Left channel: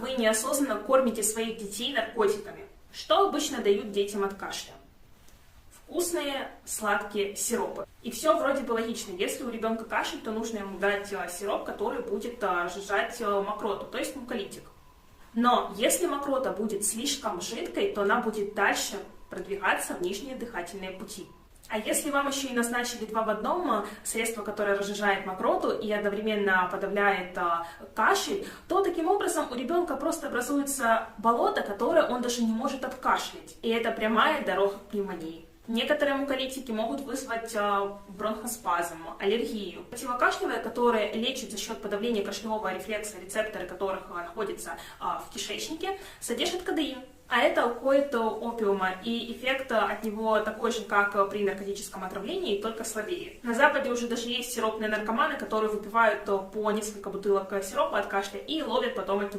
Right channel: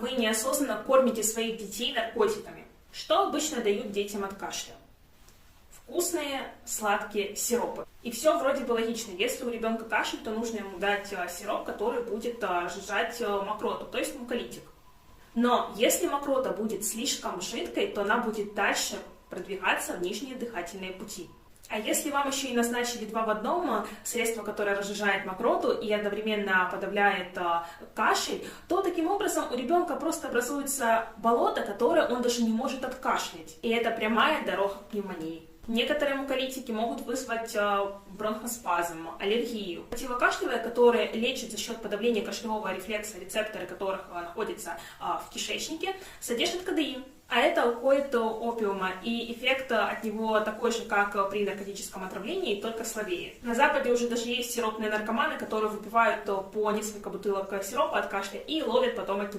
вы неосознанно кормите своих детей наркотиками. Что обычно дают детям от кашля? Вкусные, сладкие сиропы. И все вроде бы логично. Если у ребенка кашель, то нужно ему дать сироп, который будет сжижать мокроту, то есть муколитик. Но если мокрота будет слишком жидкой, то она будет дальше продвигаться в нижние дыхательные пути. А если вам еще и назначили 2 в 1 средство, которое разжижает мокроту и одновременно подавляет кашель, то таким образом у ребенка просто образуется болото, которое он даже не может откашлять. И это прямая дорога к пневмонии. Некоторые муколитики могут вызвать бронхоспазм, аллергию. Противокашлевые, которые лечат за счет подавления кашлевого рефлекса, рецепторы которых находятся в кишечнике, содержат кодеин. А это уходит опиума, и эффект от него такой же, как при наркотическом отравлении, только слабее. На Западе уже даже есть сиропные наркоманы, которые выпивают по несколько бутылок сиропа от кашля и ловят потом эту